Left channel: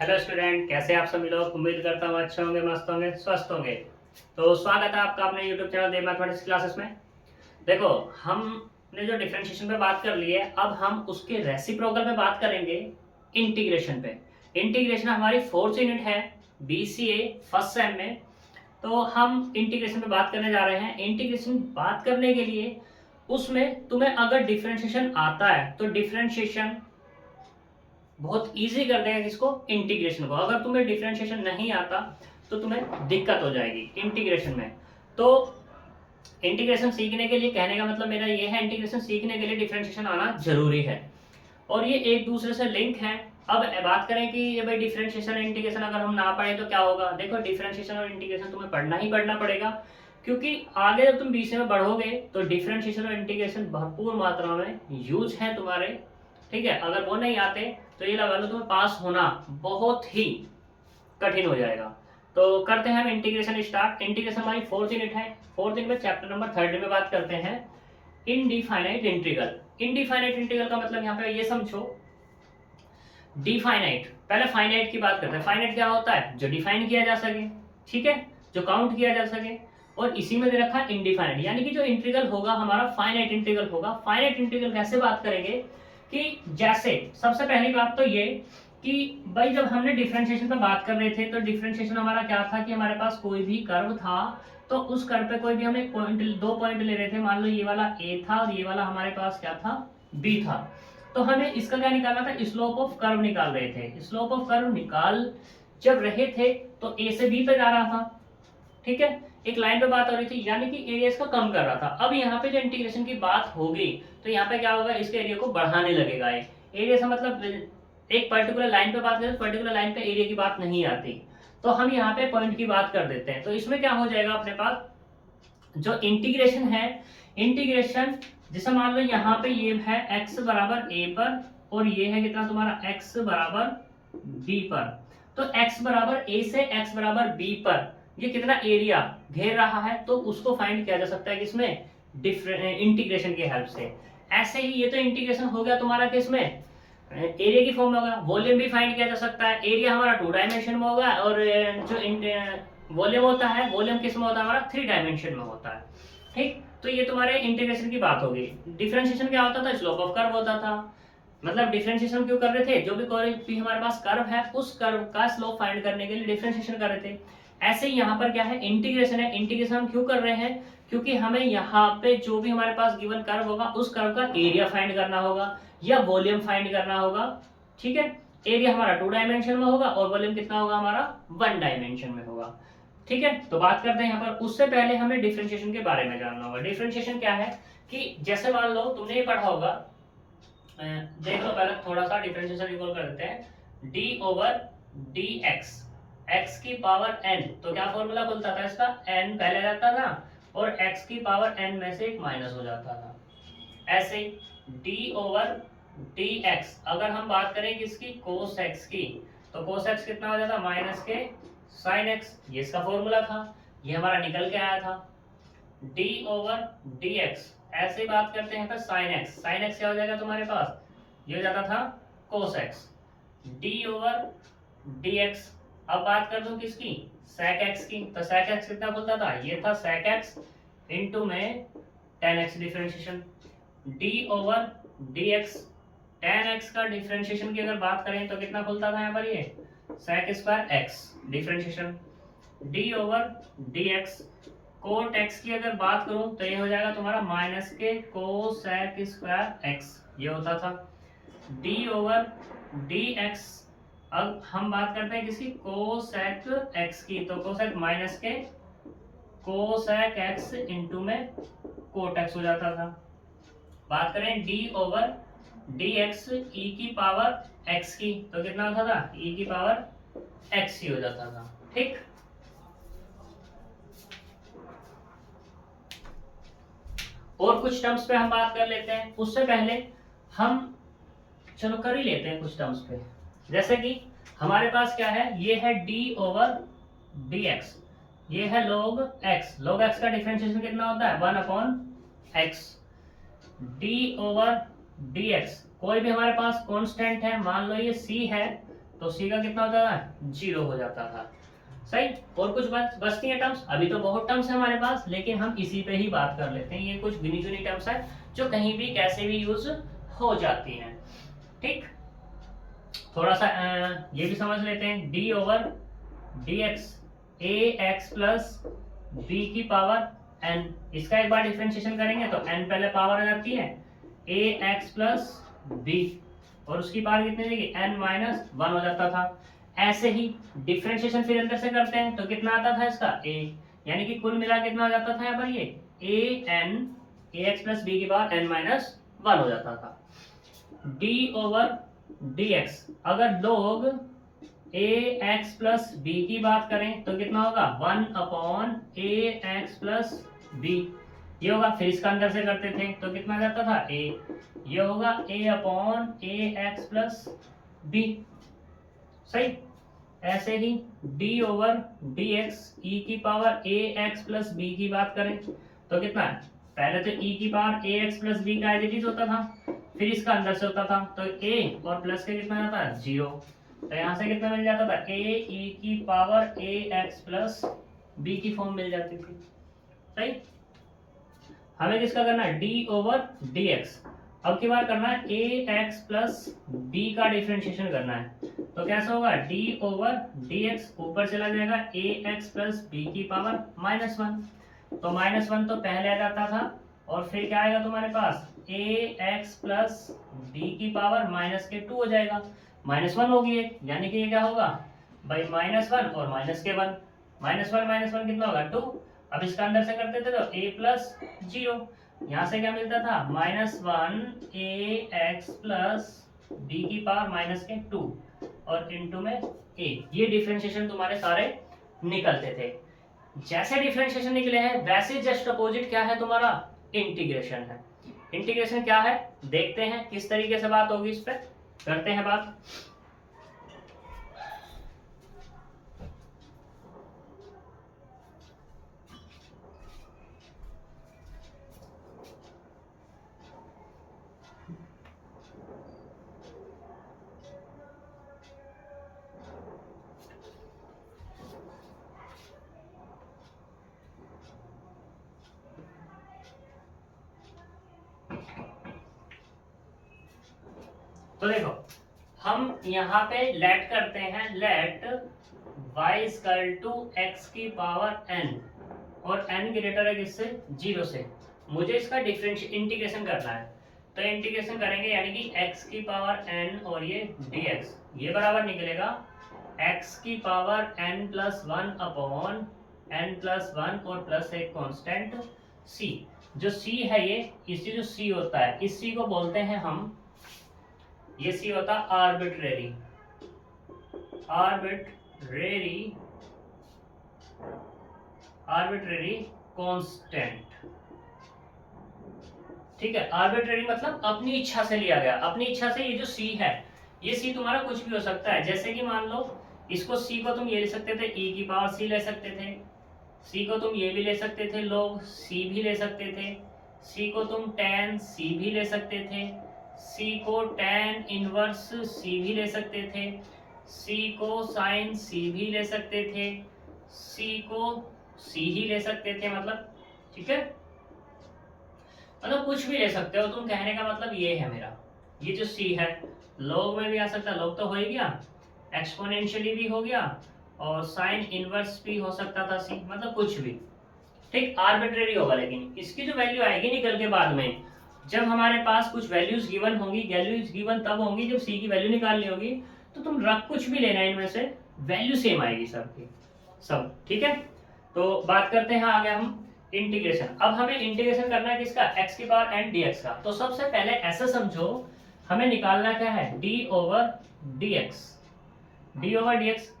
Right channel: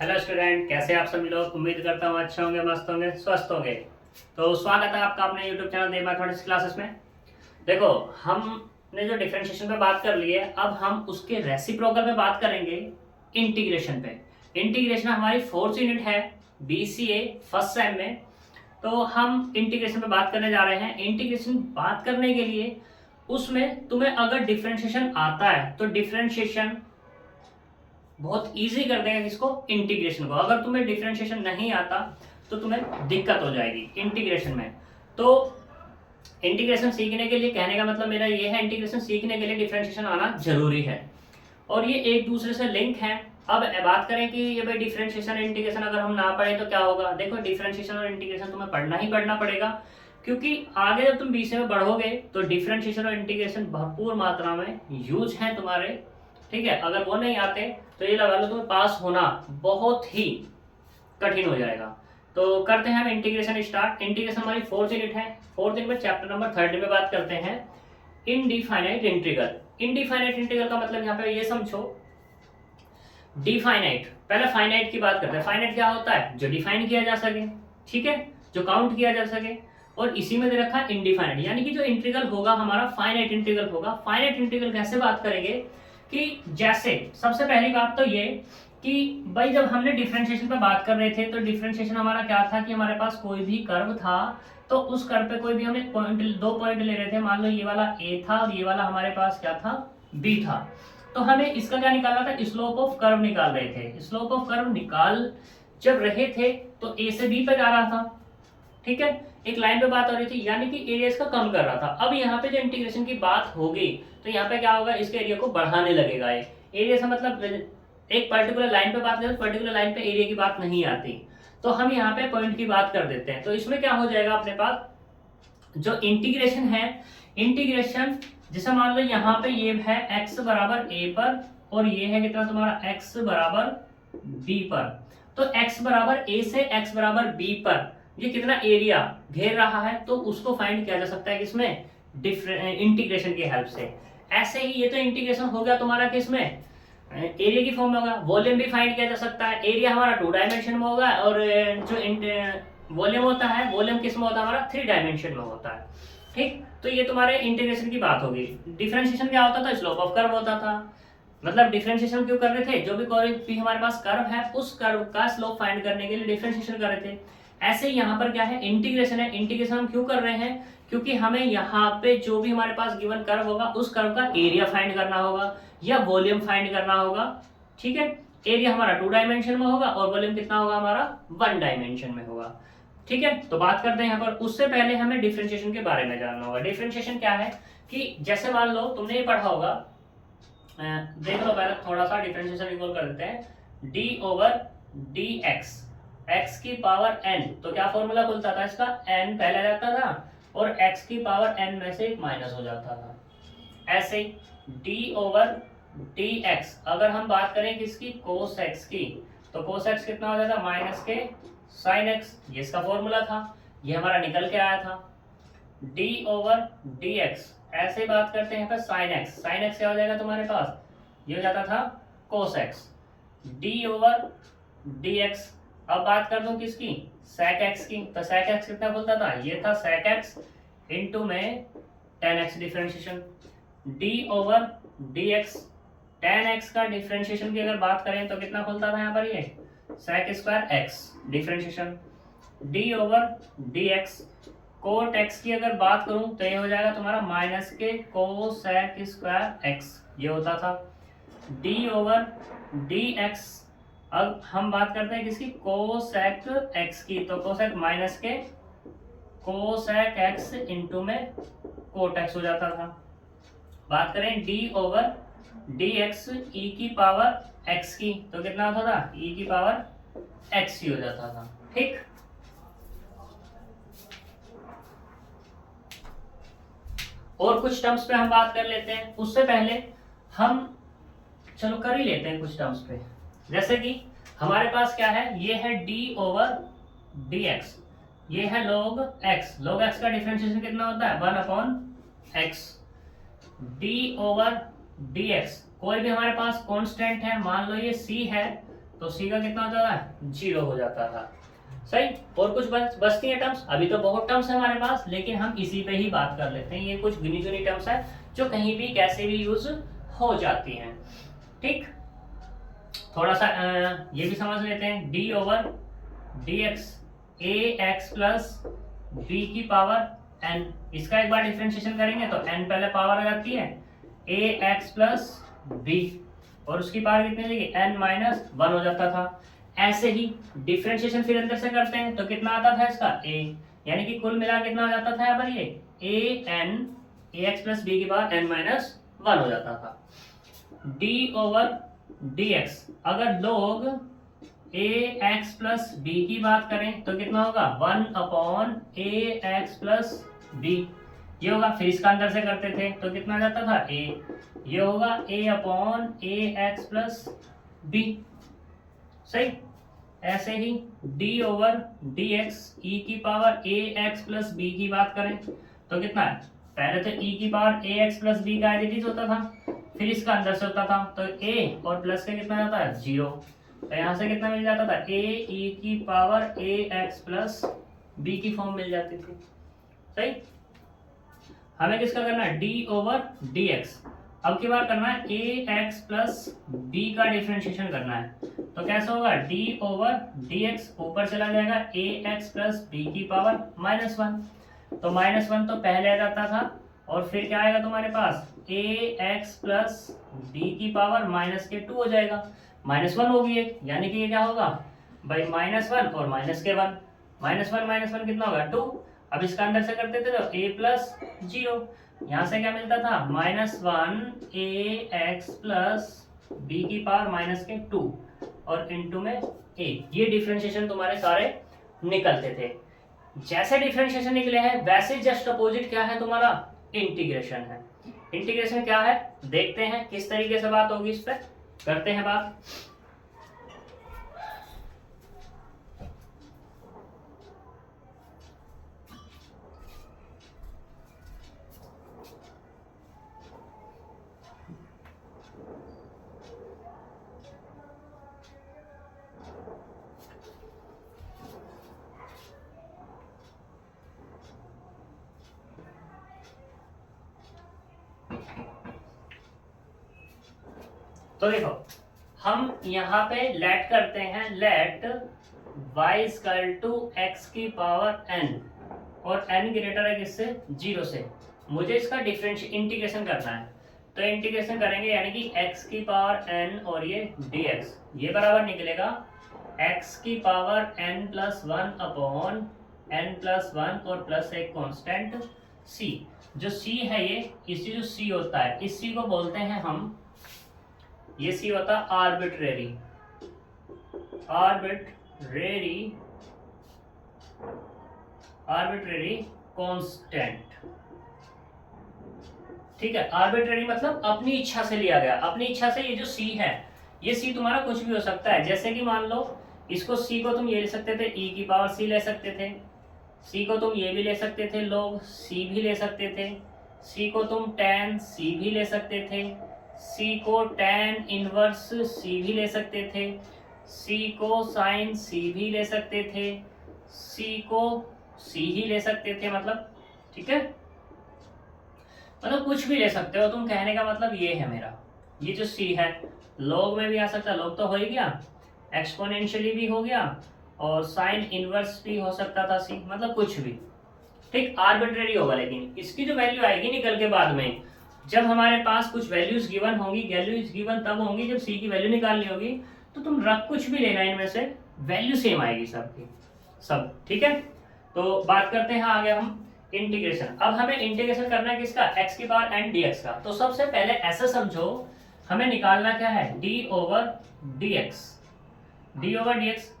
Hello student, कैसे आप सभी लोग। उम्मीद करता हूँ अच्छे होंगे, मस्त होंगे, स्वस्थ होंगे। तो स्वागत है आपका अपने यूट्यूब चैनल देव मैथमेटिक्स क्लासेस में। देखो, हमने जो डिफरेंशिएशन पे बात कर ली है, अब हम उसके रेसिप्रोकल पे बात करेंगे, इंटीग्रेशन पे। इंटीग्रेशन हमारी फोर्थ यूनिट है बीसीए फर्स्ट सेम में। तो हम इंटीग्रेशन पे बात करने जा रहे हैं। इंटीग्रेशन बात करने के लिए उसमें तुम्हें अगर डिफरेंशिएशन आता है तो डिफरेंशिएशन बहुत इजी कर देगा किसको, इंटीग्रेशन को। अगर तुम्हें डिफरेंशिएशन नहीं आता तो तुम्हें दिक्कत हो जाएगी इंटीग्रेशन में। तो इंटीग्रेशन सीखने के लिए, कहने का मतलब मेरा ये है, इंटीग्रेशन सीखने के लिए डिफरेंशिएशन आना जरूरी है और ये एक दूसरे से लिंक है। अब बात करें कि ये भाई डिफरेंशिएशन और इंटीग्रेशन अगर हम ना पढ़े तो क्या होगा। देखो, डिफरेंशिएशन और इंटीग्रेशन तुम्हें पढ़ना ही पढ़ना पड़ेगा, क्योंकि आगे जब तुम बीसीए में बढ़ोगे तो डिफरेंशिएशन और इंटीग्रेशन भरपूर मात्रा में यूज है तुम्हारे। ठीक है, अगर वो नहीं आते तो ये लगा लो तुम्हें पास होना बहुत ही कठिन हो जाएगा। तो करते हैं हम इंटीग्रेशन स्टार्ट। इंटीग्रेशन हमारी फोर्थ यूनिट है। फोर्थ यूनिट में चैप्टर नंबर 30 में बात करते हैं इनडिफाइनाइट इंटीग्रल। इनडिफाइनाइट इंटीग्रल का मतलब यहाँ पे ये समझो, डिफाइनाइट, पहले फाइनाइट की बात करते हैं। फाइनाइट क्या होता है, जो डिफाइन किया जा सके, ठीक है, जो काउंट किया जा सके। और इसी में दे रखा है इनडिफाइनाइट, यानी कि जो इंटीग्रल होगा हमारा फाइनाइट इंटीग्रल होगा। फाइनाइट इंटीग्रल कैसे बात करेंगे कि जैसे सबसे पहली बात तो ये कि भाई जब हमने डिफरेंशिएशन पे बात कर रहे थे तो डिफरेंशिएशन हमारा क्या था कि हमारे पास कोई भी कर्व था, तो उस कर्व पे कोई भी हम एक पॉइंट, दो पॉइंट ले रहे थे। मान लो ये वाला ए था और ये वाला हमारे पास क्या था, बी था। तो हमें इसका क्या निकालना था, स्लोप ऑफ कर्व निकाल रहे थे। स्लोप ऑफ कर्व निकाल जब रहे थे तो ए से बी पे जा रहा था, ठीक है, एक लाइन पे बात हो रही थी, यानी कि एरिया इसका कम कर रहा था। अब यहाँ पे जो इंटीग्रेशन की बात होगी तो यहाँ पे क्या होगा, इसके एरिया को बढ़ाने लगेगा। एरिया से मतलब एक पर्टिकुलर लाइन पे बात करें तो पर्टिकुलर लाइन पे एरिया की बात नहीं आती, तो हम यहाँ पे पॉइंट की बात कर देते हैं। तो इसमें क्या हो जाएगा, अपने पास जो इंटीग्रेशन है, इंटीग्रेशन जैसे मान लो यहाँ पे ये है x बराबर a पर और ये है कितना तुम्हारा x बराबर b पर। तो x बराबर a से x बराबर b पर ये कितना एरिया घेर रहा है, तो उसको फाइंड किया जा सकता है किसमें, इंटीग्रेशन की हेल्प से। ऐसे ही ये तो इंटीग्रेशन हो गया तुम्हारा किसमें, एरिया की फॉर्म में होगा। वॉल्यूम भी फाइंड किया जा सकता है। एरिया हमारा 2 डायमेंशन में होगा और जो वॉल्यूम होता है, वॉल्यूम किस में होता है हमारा, 3 डायमेंशन में होता है। ठीक, तो ये तुम्हारे इंटीग्रेशन की बात होगी। डिफरेंशिएशन क्या होता था, स्लोप ऑफ कर्व होता था। मतलब डिफरेंशिएशन क्यों कर रहे थे, जो भी कोई भी हमारे पास कर्व है उस कर्व का स्लोप फाइंड करने के लिए डिफरेंशिएशन कर रहे थे। ऐसे ही यहाँ पर क्या है, इंटीग्रेशन है। इंटीग्रेशन हम क्यों कर रहे हैं, क्योंकि हमें यहाँ पे जो भी हमारे पास गिवन कर्व होगा उस कर्व का एरिया फाइंड करना होगा या वॉल्यूम फाइंड करना होगा। ठीक है, एरिया हमारा 2 डायमेंशन में होगा और वॉल्यूम कितना होगा हमारा, 1 डायमेंशन में होगा। ठीक है, तो बात करते हैं यहाँ पर। उससे पहले हमें डिफरेंशिएशन के बारे में जानना होगा। डिफरेंशिएशन क्या है कि जैसे मान लो तुमने ये पढ़ा होगा, देख लो पहले थोड़ा सा डिफरेंशिएशन रिकॉल कर देते हैं। D over d x, x की पावर एन, तो क्या फॉर्मूला खुलता था इसका, एन पहले जाता था और एक्स की पावर एन में से एक माइनस हो जाता था। ऐसे डी ओवर डी एक्स, अगर हम बात करें किसकी, कोस एक्स की, तो कोस एक्स कितना हो जाएगा, माइनस के साइन एक्स, ये इसका फॉर्मूला था, ये हमारा निकल के आया था। डी ओवर डी एक्स, ऐसे बात करते हैं पर साइन एक्स, साइन एक्स क्या हो जाएगा तुम्हारे पास, ये हो जाता था cos x. D over d x, अब बात कर दूं किसकी, sec x की, तो sec x कितना खुलता था, ये था sec x इंटू में tan x differentiation. d over dx, tan x का डिफरेंशिएशन की अगर बात करें तो कितना खुलता था यहाँ पर, ये sec square x differentiation. d over dx, cot x की अगर बात करूं तो ये हो जाएगा तुम्हारा माइनस के कोसेक स्क्वायर x, ये होता था। d ओवर dx, अब हम बात करते हैं किसकी, कोसेक x की, तो कोसेक माइनस के कोसेक x इंटू में कोट x हो जाता था। बात करें d ओवर dx e की पावर x की, तो कितना होता था, e की पावर x ही हो जाता था। ठीक, और कुछ टर्म्स पे हम बात कर लेते हैं। उससे पहले हम चलो कर ही लेते हैं कुछ टर्म्स पे। जैसे कि हमारे पास क्या है, ये है d ओवर dx, ये है log x। log x का डिफरेंशिएशन कितना होता है, 1/x। d ओवर dx, कोई भी हमारे पास कांस्टेंट है, मान लो ये c है, तो सी का कितना हो जाता है, 0 हो जाता था। सही। और कुछ बचती है टर्म्स, अभी तो बहुत टर्म्स है हमारे पास, लेकिन हम इसी पे ही बात कर लेते हैं। ये कुछ गिनी चुनी टर्म्स है जो कहीं भी कैसे भी यूज हो जाती हैं। ठीक, थोड़ा सा ये भी समझ लेते हैं। डी ओवर डी एक्स ए एक्स प्लस बी की पावर एन, इसका एक बार डिफ्रेंशिएशन करेंगे तो एन पहले पावर आ जाती है ए एक्स प्लस बी, और उसकी पावर कितनी जाएगी, एन माइनस 1 हो जाता था। ऐसे ही डिफ्रेंशिएशन फिर अंदर से करते हैं तो कितना आता था इसका a, यानी कि कुल मिला कितना हो जाता था यहाँ पर, ये a n a x plus b की पावर n माइनस 1 हो जाता था। d ओवर dx, अगर लोग a x प्लस बी की बात करें तो कितना होगा, 1 upon a x plus b, ये होगा। फिर इसका अंदर से करते थे तो कितना जाता था a, ये होगा a upon a x plus b. सही। ऐसे ही d over d x e की power a x plus b की बात करें तो कितना है, पहले तो e की power a x plus B का एज होता था, फिर इसका अंदर से होता था तो a और प्लस के कितना जाता है, 0, तो यहाँ से कितना मिल जाता था, a e की power a x plus b की फॉर्म मिल जाती थी। सही। हमें किसका करना है, d ओवर डी एक्स, अब की बार करना है ए एक्स प्लस बी का डिफ्रेंशिएशन करना है तो कैसा होगा, d ओवर डी एक्स ऊपर चला जाएगा ए एक्स प्लस बी की पावर -1, तो -1 तो पहले आ जाता था, और फिर क्या आएगा तुम्हारे पास, ए एक्स प्लस बी की पावर -2 हो जाएगा, -1 होगी एक, यानी कि ये क्या होगा भाई -1 और -1, -1 कितना होगा 2। अब इसका अंदर से करते थे तो a प्लस 0, यहाँ से क्या मिलता था, -1 ए एक्स प्लस बी की पावर -2 और इनटू में a, ये डिफरेंशिएशन तुम्हारे सारे निकलते थे। जैसे डिफरेंशिएशन निकले हैं वैसे जस्ट अपोजिट क्या है तुम्हारा, इंटीग्रेशन है। इंटीग्रेशन क्या है देखते हैं, किस तरीके से बात होगी, इस पर करते हैं बात। तो देखो हम यहाँ पे लेट करते हैं, let y equal to x की पावर n, और n ग्रेटर है किससे, 0 से। मुझे इसका डिफरेंशियल इंटीग्रेशन करना है, तो इंटीग्रेशन करेंगे यानी कि x की पावर n और ये dx, ये बराबर निकलेगा x की power n plus 1 upon n plus 1 और प्लस एक कांस्टेंट c। जो c है ये, इसी जो c होता है इस c को बोलते हैं हम, ये सी होता आर्बिट्रेरी, आर्बिट्रेरी कांस्टेंट। ठीक है, आर्बिट्रेरी मतलब अपनी इच्छा से लिया गया, अपनी इच्छा से। ये जो सी है, ये सी तुम्हारा कुछ भी हो सकता है, जैसे कि मान लो इसको सी को तुम ये ले सकते थे e की पावर c ले सकते थे, सी को तुम ये भी ले सकते थे log c भी ले सकते थे, सी को तुम tan c भी ले सकते थे, सी को tan इनवर्स सी भी ले सकते थे, सी को sin सी भी ले सकते थे, सी को सी ही ले सकते थे, मतलब ठीक है, मतलब कुछ भी ले सकते हो तुम। कहने का मतलब ये है मेरा, ये जो सी है log में भी आ सकता है, log तो हो ही गया, एक्सपोनेंशियली भी हो गया, और sin इनवर्स भी हो सकता था सी, मतलब कुछ भी। ठीक, आर्बिट्रेरी होगा, लेकिन इसकी जो वैल्यू आएगी निकल के बाद में, जब हमारे पास कुछ वैल्यूज गिवन होंगी, वैल्यूज गिवन तब होंगी जब सी की वैल्यू निकालनी होगी, तो तुम रख कुछ भी लेना, इनमें से वैल्यू सेम आएगी सबकी सब। ठीक है, तो बात करते हैं आगे हम इंटीग्रेशन। अब हमें इंटीग्रेशन करना है किसका, x की पावर n dx का। तो सबसे पहले ऐसे समझो, हमें निकालना क्या है, d ओवर dx,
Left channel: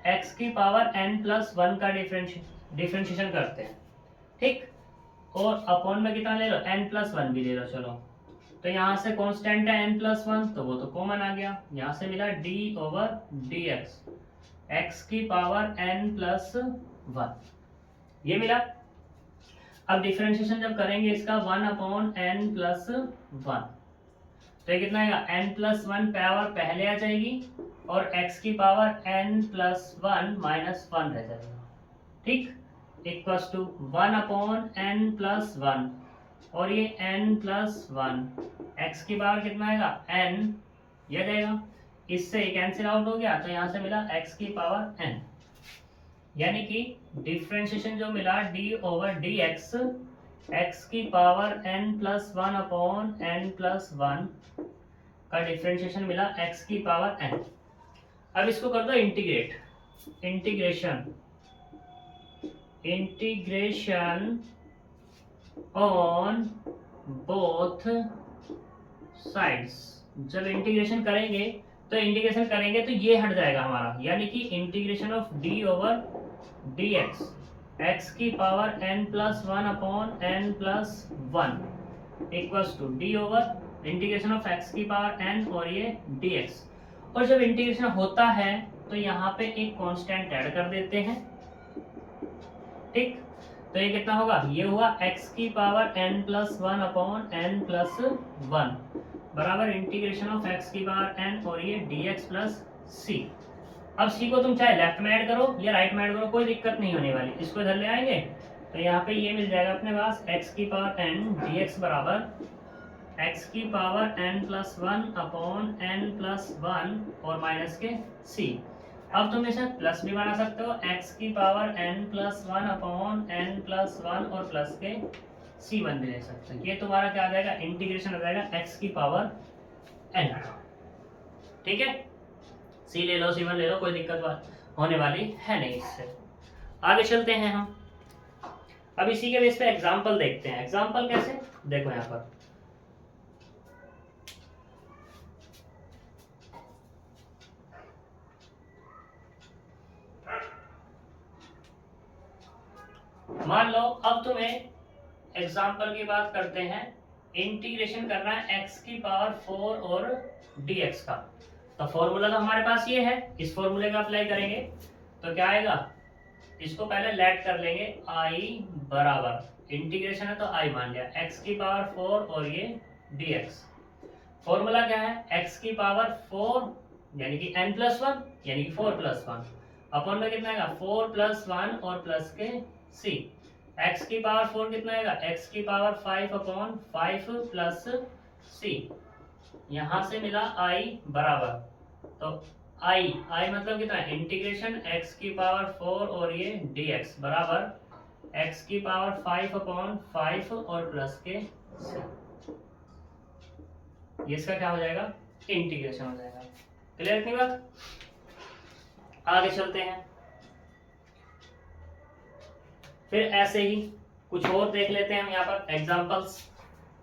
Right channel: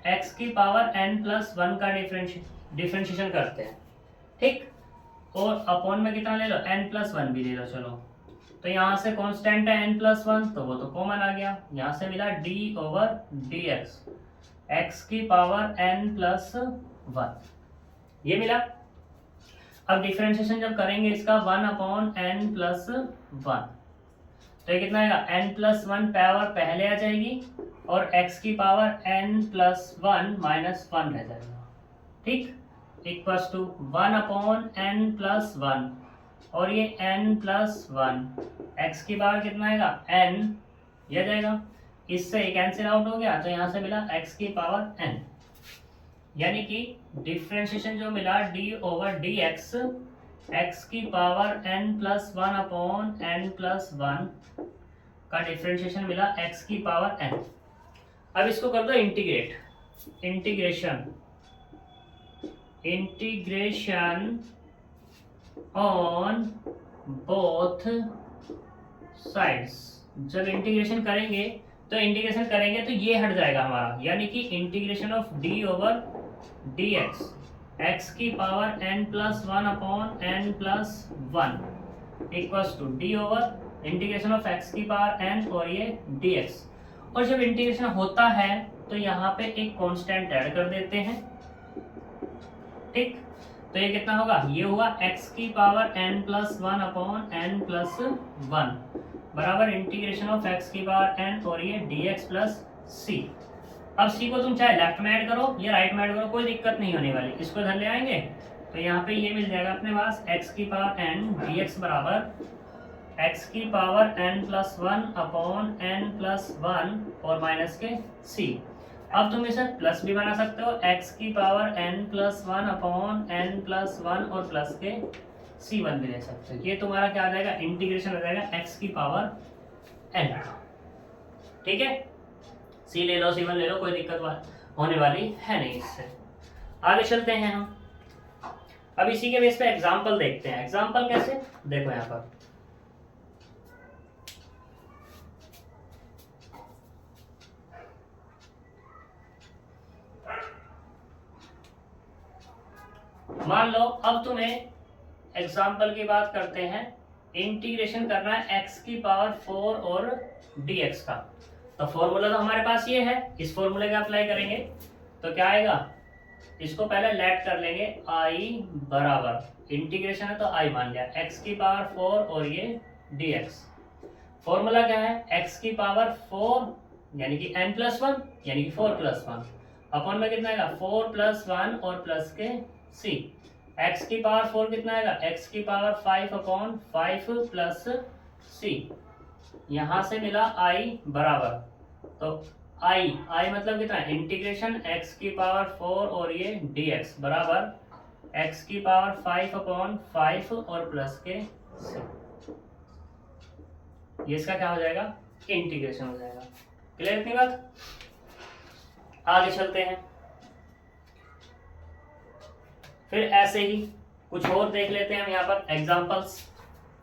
x की पावर n प्लस 1 का डिफरेंशिएशन करते हैं। ठीक, और अपॉन में कितना ले लो, n प्लस 1 भी ले लो। चलो, तो यहाँ से कांस्टेंट है n प्लस 1, तो वो तो कॉमन आ गया, यहाँ से मिला d ओवर dx, x की पावर n प्लस 1, ये मिला। अब डिफरेंशिएशन जब करेंगे इसका 1 अपॉन n प्लस 1, तो ये कितना आएगा, n प्लस 1 पावर पहले आ जाएगी और x की पावर n+1 -1 रह जाएगा, ठीक, इक्वल्स टू 1/n+1 और ये n+1, x की पावर कितना आएगा n, यह जाएगा, इससे कैंसिल आउट हो गया तो यहाँ से मिला x की पावर n, यानी कि डिफ्रेंशिएशन जो मिला d/dx x की पावर n+1/n+1 का डिफ्रेंशिएशन मिला x की पावर n। अब इसको कर दो integrate, integration on both sides. जब इंटीग्रेशन करेंगे तो ये हट जाएगा हमारा, यानी कि इंटीग्रेशन ऑफ d/dx x की power n+1/n+1 equals to integration of x की पावर n और ये dx। और जब इंटीग्रेशन होता है तो यहाँ पे एक कांस्टेंट ऐड कर देते हैं, ठीक, तो ये कितना होगा, ये हुआ x की पावर n+1/n+1 बराबर इंटीग्रेशन ऑफ x की पावर n और ये dx प्लस c। अब c को तुम चाहे लेफ्ट में ऐड करो या राइट में ऐड करो, कोई दिक्कत नहीं होने वाली, इसको इधर ले आएंगे तो यहाँ पे ये मिल जाएगा अपने पास x की पावर n dx बराबर x की पावर n+1/n+1 और माइनस के c। अब तुम इसे प्लस भी बना सकते हो, x की पावर n+1/n+1 और प्लस के c1 भी ले सकते हो। ये तुम्हारा क्या आ जाएगा, इंटीग्रेशन हो जाएगा x की पावर n, ठीक है, c ले लो c1 ले लो, कोई दिक्कत होने वाली है नहीं इससे। आगे चलते हैं हम, अब इसी के बेस पे एग्जाम्पल देखते हैं। एग्जाम्पल कैसे, देखो यहाँ पर मान लो अब तुम्हें एग्जाम्पल की बात करते हैं, इंटीग्रेशन करना है x की पावर 4 और dx का। तो फॉर्मूला तो हमारे पास ये है, इस फॉर्मूले का अप्लाई करेंगे तो क्या आएगा, इसको पहले लेट कर लेंगे, i बराबर इंटीग्रेशन है तो i मान लिया x की पावर 4 और ये dx। फॉर्मूला क्या है, x की पावर 4 यानी कि n+1 यानी कि 4+1 अपन में कितना आएगा 4+1 और प्लस के c। x की पावर 4 कितना आएगा, x की पावर 5/5 प्लस c। यहाँ से मिला i बराबर, तो i मतलब कितना, इंटीग्रेशन x की पावर 4 और ये dx बराबर x की पावर 5/5 और प्लस के c। ये इसका क्या हो जाएगा, इंटीग्रेशन हो जाएगा। क्लियर इतनी बात, आगे चलते हैं। फिर ऐसे ही कुछ और देख लेते हैं हम यहाँ पर एग्जांपल्स।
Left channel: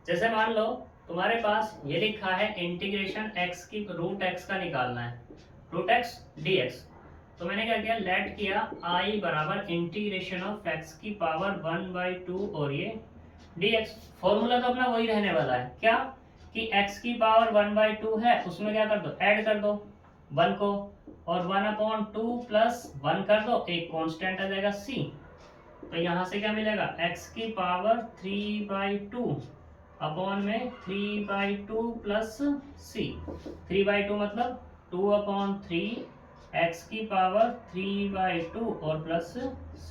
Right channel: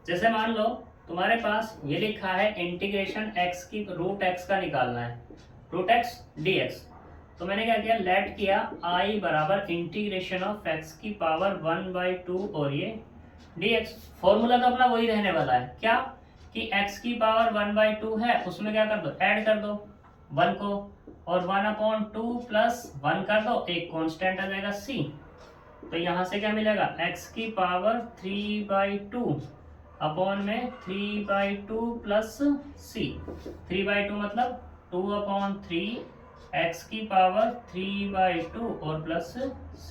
जैसे मान लो तुम्हारे पास ये लिखा है इंटीग्रेशन x की रूट x का निकालना है, रूट x dx। तो मैंने क्या किया, लेट किया i बराबर इंटीग्रेशन ऑफ x की पावर 1/2 और ये dx। फॉर्मूला तो अपना वही रहने वाला है, क्या कि x की पावर 1/2 है, उसमें क्या कर दो, ऐड कर दो 1 को, और 1/2 प्लस 1 कर दो, एक कांस्टेंट आ जाएगा c। तो यहाँ से क्या मिलेगा, x की पावर 3/2 अपॉन में 3/2 प्लस c। 3/2 मतलब 2/3 x की पावर 3/2 और प्लस c।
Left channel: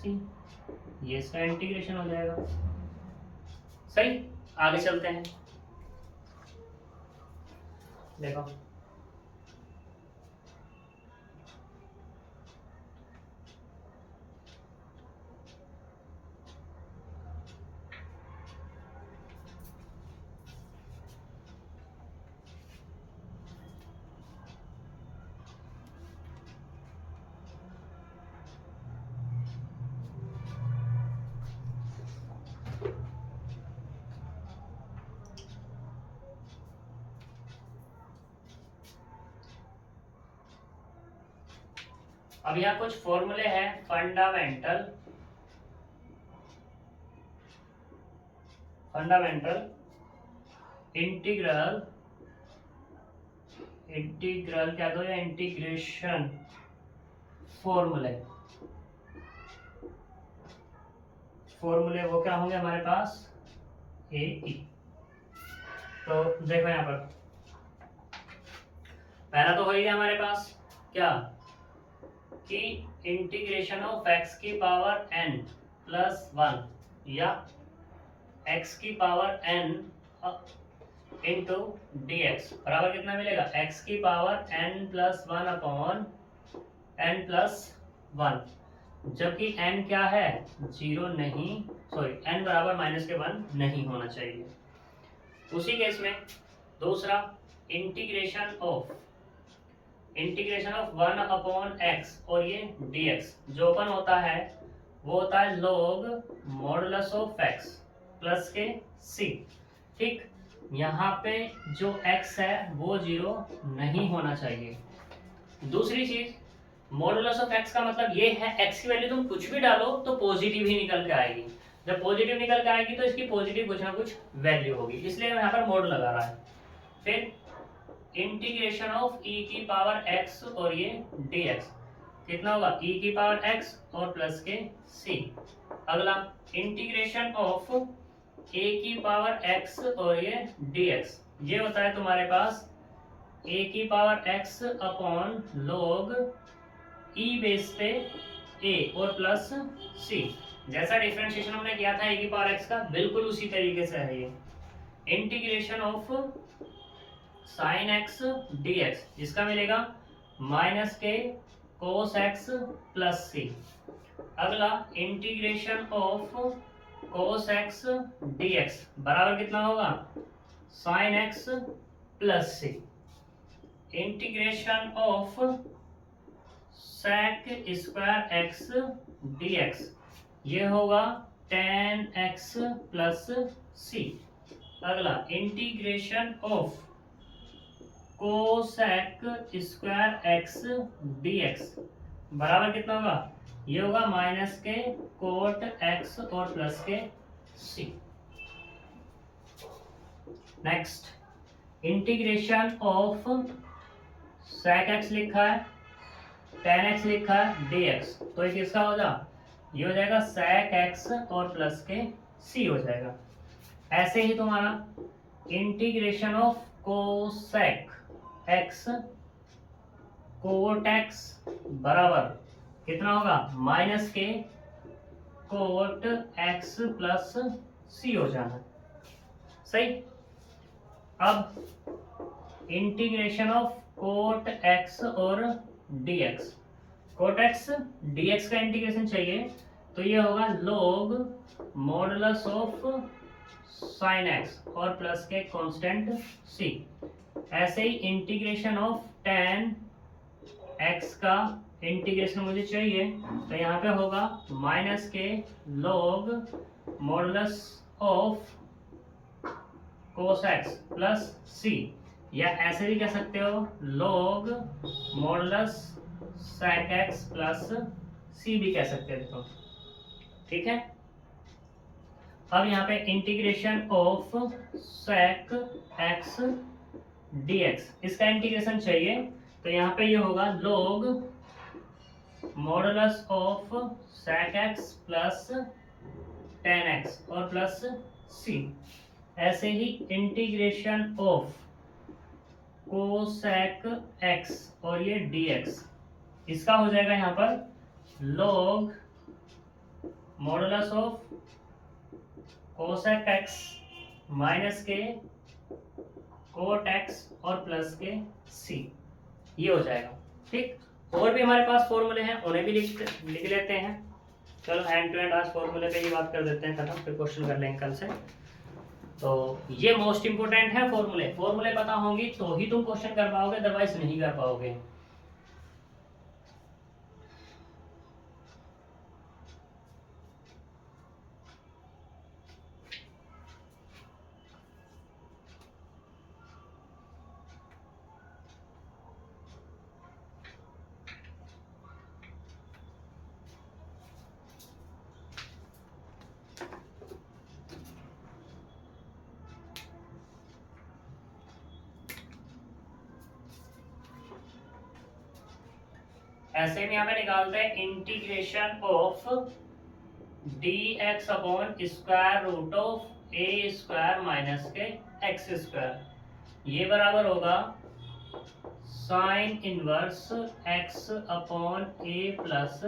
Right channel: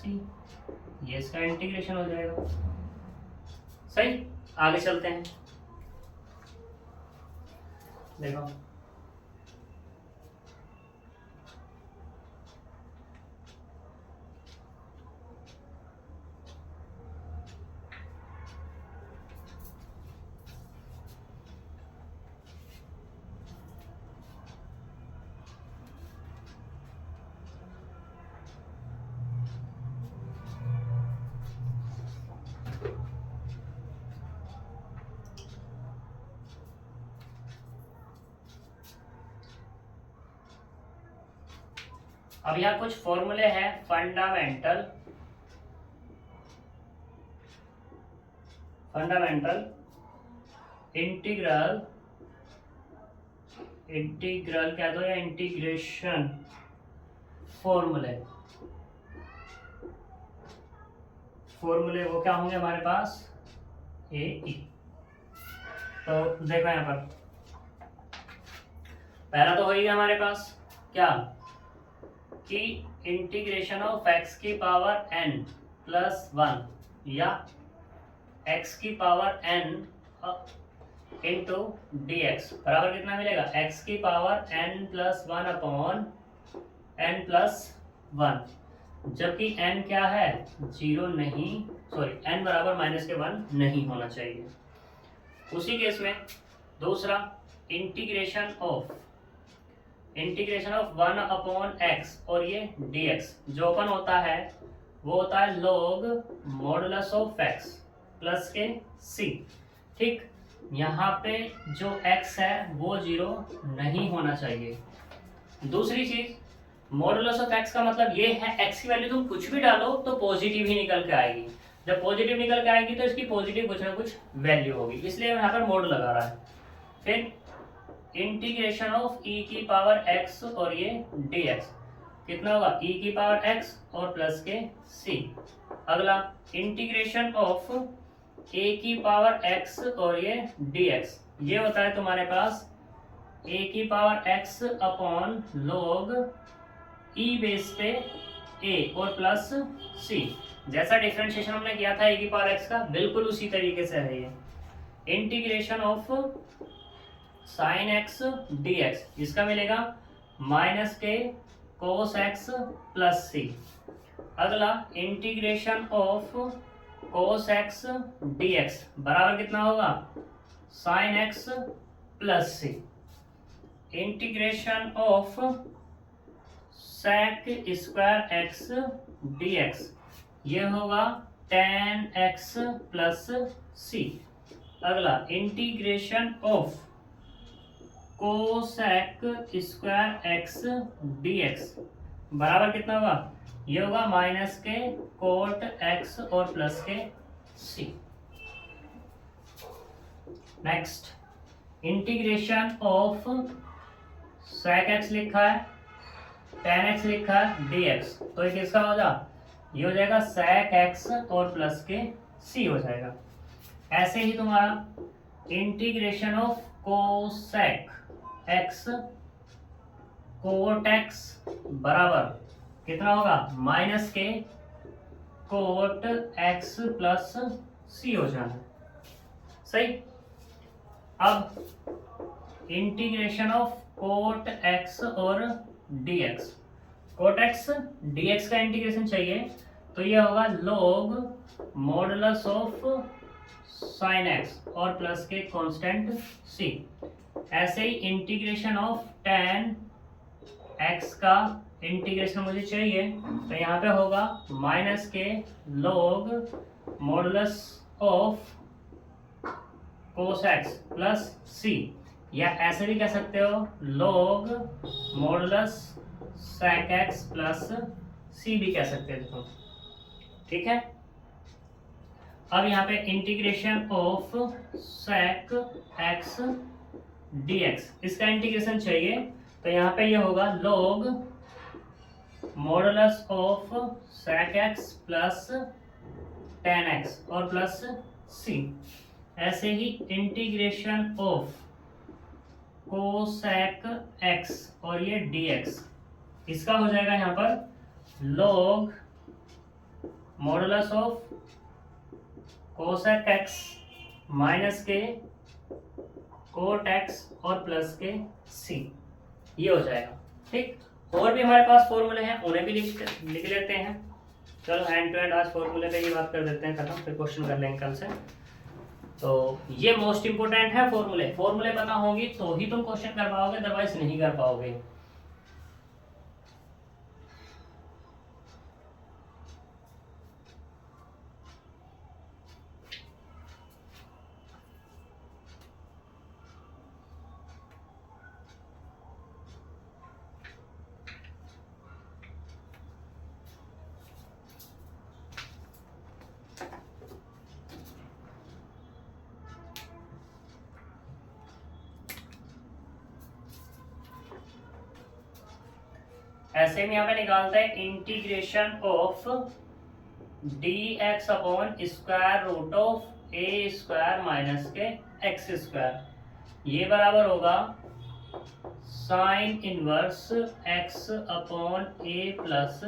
ये इसका इंटीग्रेशन हो जाएगा। सही, आगे चलते हैं। देखो अब यहाँ कुछ फॉर्मूले हैं, फंडामेंटल इंटीग्रल क्या दो या इंटीग्रेशन फॉर्मूले वो क्या होंगे हमारे पास, ए ई। तो देखो यहाँ पर पहला तो हो गया हमारे पास क्या कि इंटीग्रेशन ऑफ एक्स की पावर n प्लस 1 या एक्स की power n into D x बराबर कितना मिलेगा, एक्स की power n plus 1 upon n plus 1, जबकि n क्या है 0 नहीं, सॉरी n बराबर माइनस के 1 नहीं होना चाहिए। उसी केस में दूसरा इंटीग्रेशन ऑफ 1 अपॉन एक्स और ये dx जो ओपन होता है वो होता है log modulus of x plus के c। ठीक, यहाँ पे जो x है वो 0 नहीं होना चाहिए। दूसरी चीज, मॉडुलस ऑफ x का मतलब ये है x की वैल्यू तुम कुछ भी डालो तो पॉजिटिव ही निकल के आएगी। जब पॉजिटिव निकल के आएगी तो इसकी पॉजिटिव कुछ ना कुछ वैल्यू होगी, इसलिए यहाँ पर मोड लगा रहा है। फिर इंटीग्रेशन ऑफ e की पावर x और ये dx कितना होगा, e की पावर x और प्लस के c। अगला इंटीग्रेशन ऑफ a की पावर x और ये dx, ये होता है तुम्हारे पास a की power x upon log e base पे a और प्लस c। जैसा डिफरेंशिएशन हमने किया था a की पावर x का, बिल्कुल उसी तरीके से है ये। Integration of sine x dx, इसका मिलेगा माइनस के कोस एक्स प्लस सी। अगला integration of cos x dx बराबर कितना होगा, sine x plus c. Integration of sec square x dx, ये होगा tan x प्लस सी। अगला integration of cosec square x dx बराबर कितना होगा, ये होगा माइनस के कोट एक्स और प्लस के C. Next integration of sec X लिखा है, tan x लिखा है dx, तो ये किसका हो जाएगा, ये हो जाएगा सेक एक्स और प्लस के सी हो जाएगा। ऐसे ही तुम्हारा integration of cosec x cot x बराबर कितना होगा, माइनस के कोट एक्स प्लस सी हो जाना। सही। अब इंटीग्रेशन ऑफ कोट एक्स और dx, कोट एक्स dx का इंटीग्रेशन चाहिए तो ये होगा log modulus of sine x और प्लस के कांस्टेंट c। ऐसे ही इंटीग्रेशन ऑफ tan x का इंटीग्रेशन मुझे चाहिए तो यहाँ पे होगा माइनस के log modulus of cos x plus c, या ऐसे भी कह सकते हो log modulus sec x plus c भी कह सकते हो। ठीक है। अब यहाँ पे integration of sec x dx, इसका इंटीग्रेशन चाहिए तो यहाँ पे ये होगा log modulus of sec x plus tan x और प्लस c। ऐसे ही इंटीग्रेशन ऑफ कोसेक x और ये dx, इसका हो जाएगा यहाँ पर log modulus of cosec x minus के कोट x और प्लस के c, ये हो जाएगा। ठीक, और भी हमारे पास फॉर्मूले हैं, उन्हें भी लिख लेते हैं। चलो हैंड टू हैंड आज फॉर्मूले पे ही बात कर देते हैं, खत्म, फिर क्वेश्चन कर लेंगे कल से। तो ये मोस्ट इंपोर्टेंट है फॉर्मूले, फॉर्मूले पता होंगी तो ही तुम क्वेश्चन कर पाओगे, अदरवाइज नहीं कर पाओगे। ऐसे में यहाँ पे निकालते हैं integration of dx upon square root of a square minus के x स्क्वायर, ये बराबर होगा sine inverse x upon a plus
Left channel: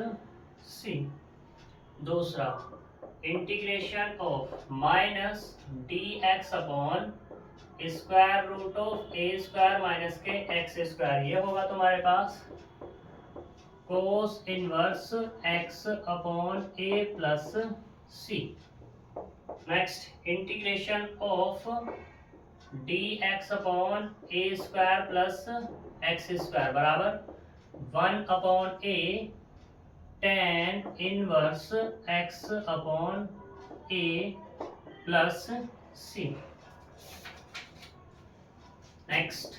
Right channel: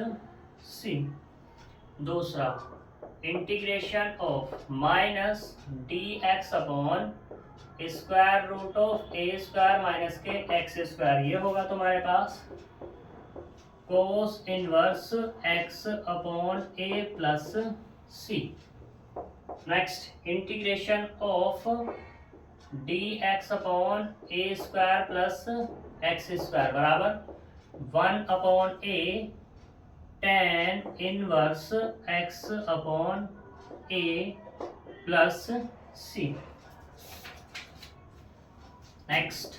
c. दूसरा integration of minus d x upon square root of a square minus के x square, ये होगा तुम्हारे पास cos inverse x upon a plus c. Next integration of d x upon a square plus x square बराबर 1 upon a tan inverse x upon a plus c. Next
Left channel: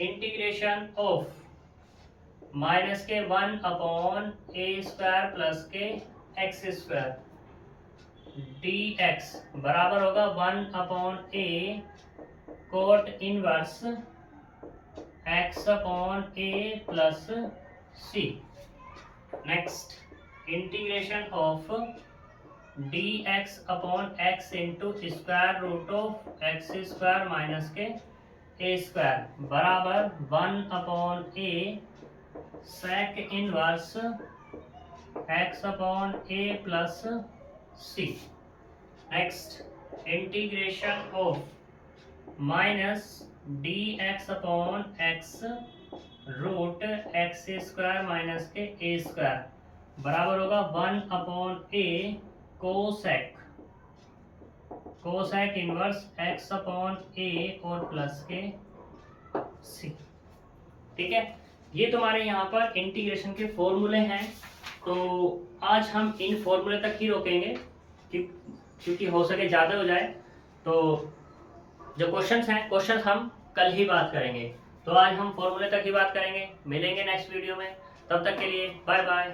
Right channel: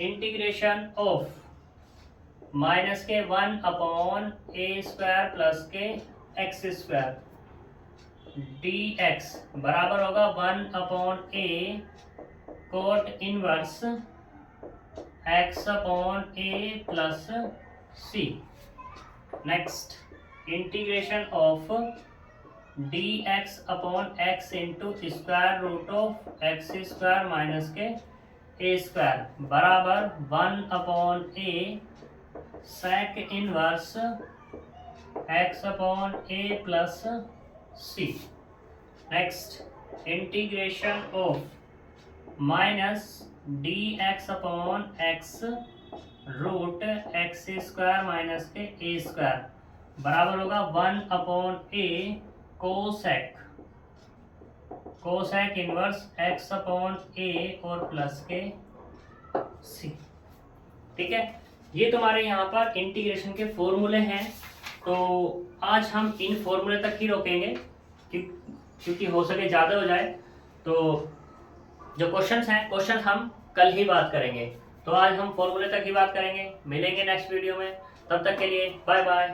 integration of minus के 1 upon a square plus के x square d x बराबर होगा 1 upon a cot inverse x upon a plus c. Next integration of d x upon x into square root of x square minus के a square बराबर 1 upon a sec inverse x upon a plus c. Next integration of minus d x upon x root x square minus के a square बराबर होगा 1 upon ए cosec inverse x upon ए और plus के सी। ठीक है, ये तुम्हारे यहाँ पर इंटीग्रेशन के फॉर्मूले हैं। तो आज हम इन फॉर्मूले तक ही रोकेंगे क्योंकि हो सके ज़्यादा हो जाए। तो जो क्वेश्चंस हैं हम कल ही बात करेंगे। तो आज हम फॉर्मूले तक ही बात करेंगे। मिलेंगे नेक्स्ट वीडियो में, तब तक के लिए बाय बाय।